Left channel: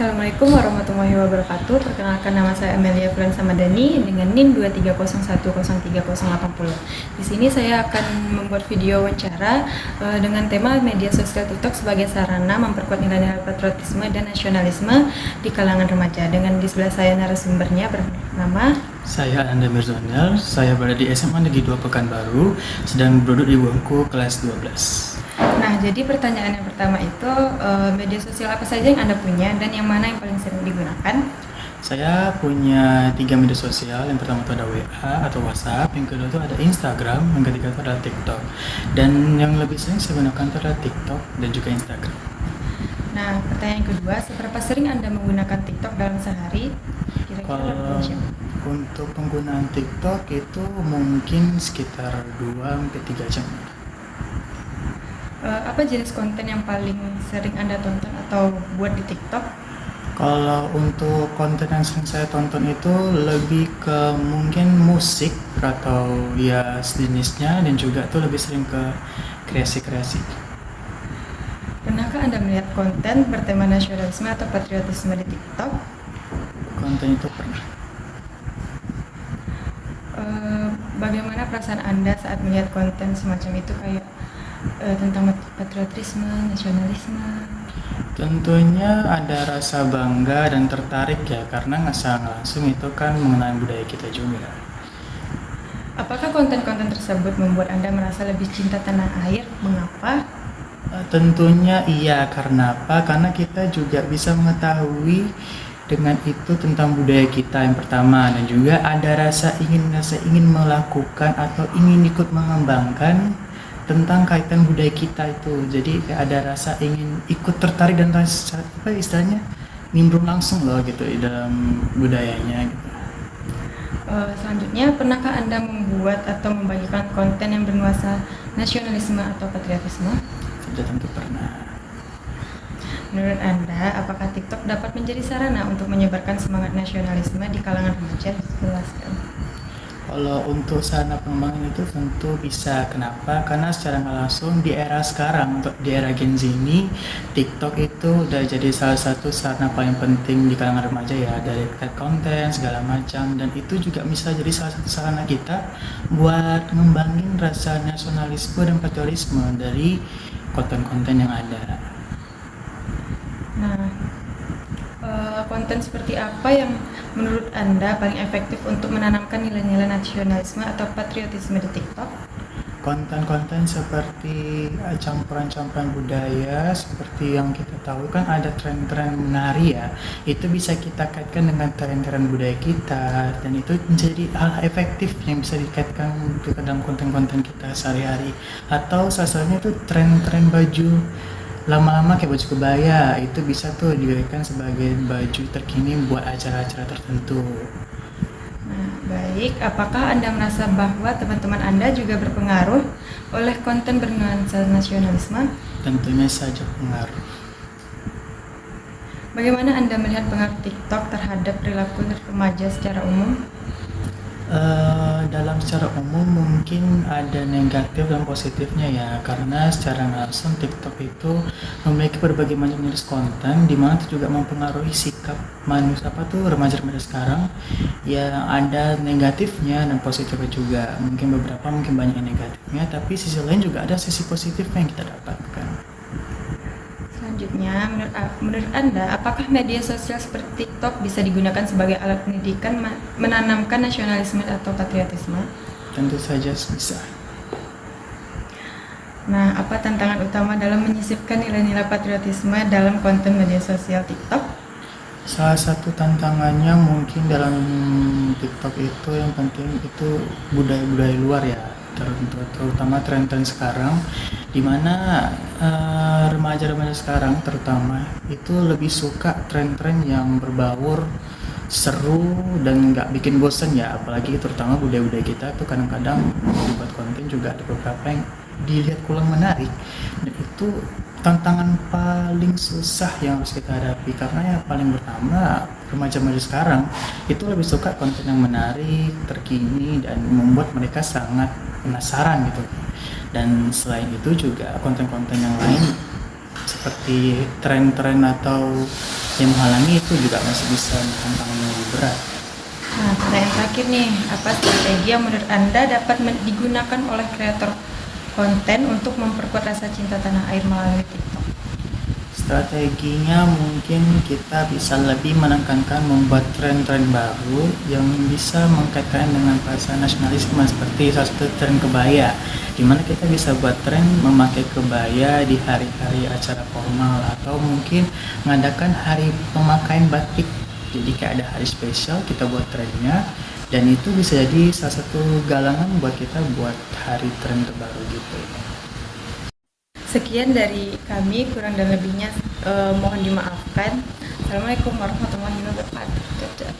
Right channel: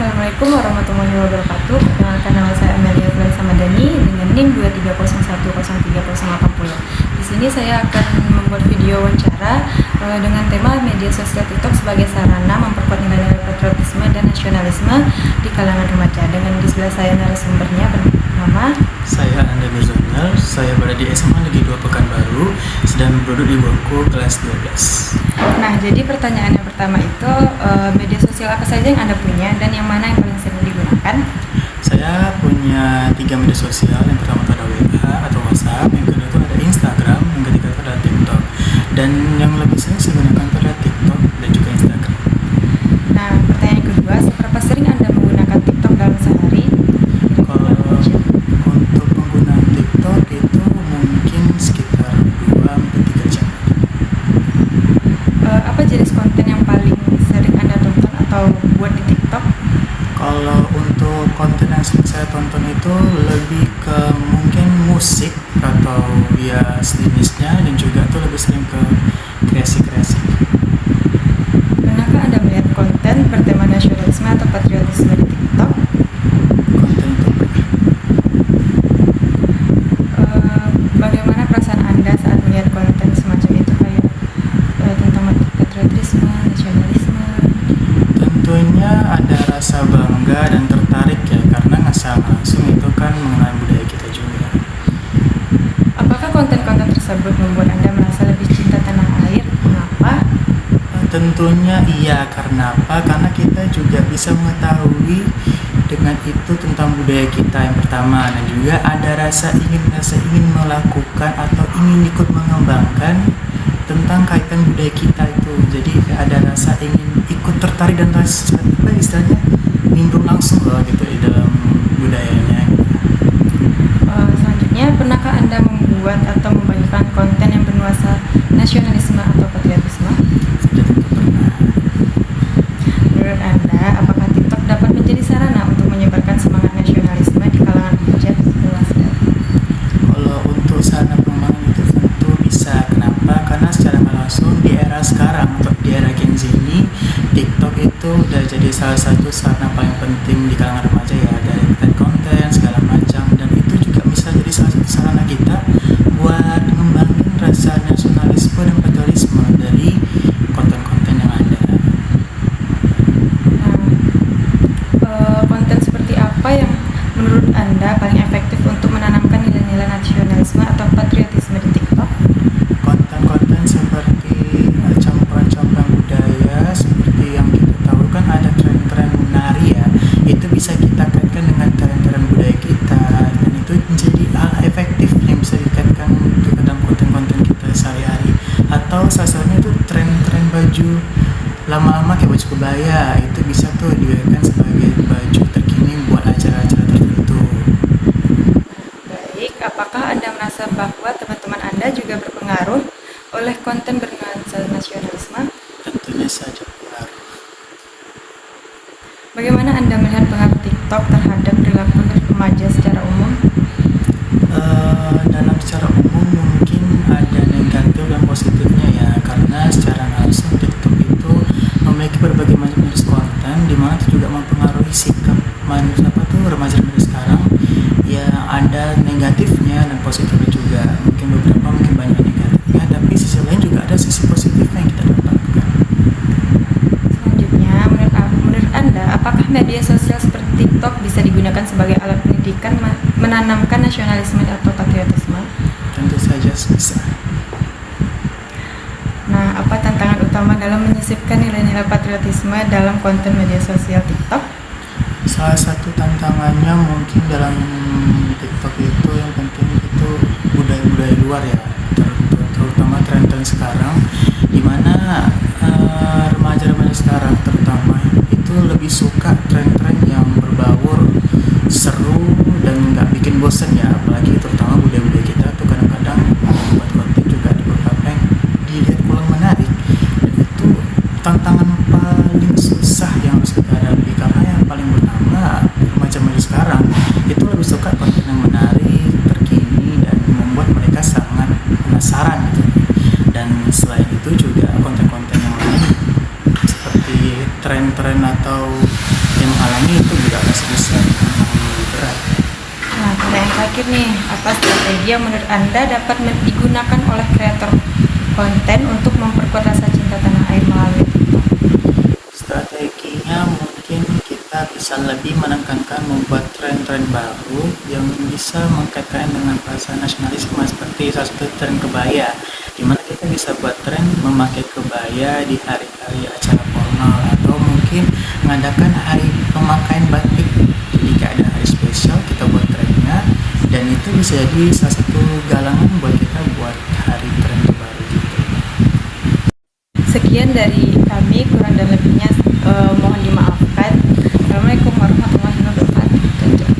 Assalamualaikum warahmatullahi wabarakatuh. Perkenalkan, nama saya Amelia Fulansa Madani dengan NIM 230130080. Di sini saya akan membuat video wawancara dengan tema media sosial TikTok sebagai sarana memperkuat nilai-nilai patriotisme dan nasionalisme di kalangan remaja. Dengan di sebelah saya narasumbernya bernama saya Anda Mirzanel, saya berada di SMA Negeri 2 Pekanbaru, sedang duduk di bangku kelas 12. Nah, jadi pertanyaan yang pertama itu media sosial apa saja yang Anda punya dan yang mana yang paling sering digunakan? Saya punya 3 media sosial. Yang pertama itu ada WA atau WhatsApp, yang kedua itu ada Instagram, yang ketiga itu ada TikTok. Dan yang lebih sering saya gunakan itu ada TikTok dan juga Instagram. Nah, pertanyaan kedua, seberapa sering Anda menggunakan TikTok dalam sehari? Kalau untuk penggunaan TikTok itu mungkin sekitar 2-3 jam. Apa jenis konten yang paling sering Anda tonton atau buat di TikTok? Kalau untuk konten yang sering saya tonton itu lebih ke mungkin musik atau ya sejenisnya, dan juga tuh lebih sering ke kreasi-kreasi. Pernahkah Anda melihat konten bertema nasionalisme atau patriotisme di TikTok? Konten itu pernah. Bagaimana perasaan Anda saat melihat konten semacam itu, kayak tentang patriotisme, nasionalisme? Tentunya ada rasa bangga dan tertarik ya, karena nggak langsung itu kan mengenai budaya kita juga. Apakah konten-konten tersebut membuat Anda merasa lebih cinta tanah air? Mengapa? Tentunya iya, karena apa? Karena kita juga bisa mengetahui dengan itu tentang budaya kita yang pertama, dan juga ada rasa ingin melakukan atau ingin ikut mengembangkan tentang kaitan budaya kita itu. Jadi ada rasa ingin ikut tertarik dan rasa apa istilahnya nimbrung langsung loh gitu di dalam budayanya. Selanjutnya, pernahkah Anda membuat atau membagikan konten yang bernuansa nasionalisme atau patriotisme? Jadi itu pernah. Menurut Anda, apakah TikTok dapat menjadi sarana untuk menyebarkan semangat nasionalisme di kalangan remaja? Kalau untuk sarana pengembangan itu tentu bisa. Kenapa? Karena secara langsung di era sekarang, untuk di era Gen Z ini, TikTok itu udah jadi salah satu sarana paling penting di kalangan remaja ya, dari konten segala macam, dan itu juga bisa jadi salah satu sarana kita buat ngembangin rasa nasionalisme dan patriotisme dari konten-konten yang ada. Konten seperti apa yang menurut Anda paling efektif untuk menanamkan nilai-nilai nasionalisme atau patriotisme di TikTok? Konten-konten seperti campuran-campuran budaya, seperti yang kita tahu kan ada tren-tren menari ya, itu bisa kita kaitkan dengan tren-tren budaya kita, dan itu menjadi hal efektif yang bisa dikaitkan ke dalam konten-konten kita sehari-hari. Atau salah satunya itu tren-tren baju lama-lama kayak baju kebaya, itu bisa tuh dikaitkan sebagai baju terkini buat acara-acara tertentu. Baik, apakah Anda merasa bahwa teman-teman Anda juga berpengaruh oleh konten bernuansa nasionalisme? Tentunya saja pengaruh. Bagaimana Anda melihat pengaruh TikTok terhadap perilaku remaja secara umum? Dalam secara umum mungkin ada negatif dan positifnya ya, karena secara langsung TikTok itu memiliki berbagai macam jenis konten, di mana itu juga mempengaruhi sikap manusia remaja-remaja sekarang. Ya ada negatifnya dan positifnya juga. Mungkin banyak negatifnya, tapi sisi lain juga ada sisi positifnya yang kita dapatkan. Selanjutnya, menurut Anda, apakah media sosial seperti TikTok bisa digunakan sebagai alat pendidikan menanamkan nasionalisme atau patriotisme? Tentu saja bisa. Nah, apa tantangan utama dalam menyisipkan nilai-nilai patriotisme dalam konten media sosial TikTok? Salah satu tantangannya mungkin dalam TikTok itu yang penting itu budaya-budaya luar ya, terutama tren-tren sekarang, dimana remaja-remaja sekarang terutama itu lebih suka tren-tren yang berbaur, seru, dan nggak bikin bosen ya. Apalagi terutama budaya-budaya kita tuh kadang-kadang membuat konten juga ada beberapa yang dilihat kurang menarik, dan itu tantangan paling susah yang harus kita hadapi. Karena yang paling pertama, remaja-remaja sekarang itu lebih suka konten yang menarik, terkini, dan membuat mereka sangat penasaran gitu. Dan selain itu juga konten-konten yang lain seperti tren-tren atau yang menghalangi itu juga masih bisa tantangan yang lebih berat. Nah, pertanyaan terakhir nih, apa strategi yang menurut Anda dapat digunakan oleh kreator konten untuk memperkuat rasa cinta tanah air melalui TikTok? Strateginya mungkin kita bisa lebih menekankan membuat tren-tren baru yang bisa mengkaitkan dengan perasaan nasionalisme, seperti salah satu tren kebaya, dimana kita bisa buat tren memakai kebaya di hari-hari acara formal, atau mungkin mengadakan hari pemakaian batik. Jadi jika ada hari spesial kita buat trennya, dan itu bisa jadi salah satu galangan buat kita buat hari tren terbaru gitu. Sekian dari kami, kurang dan lebihnya mohon dimaafkan. Assalamualaikum warahmatullahi wabarakatuh.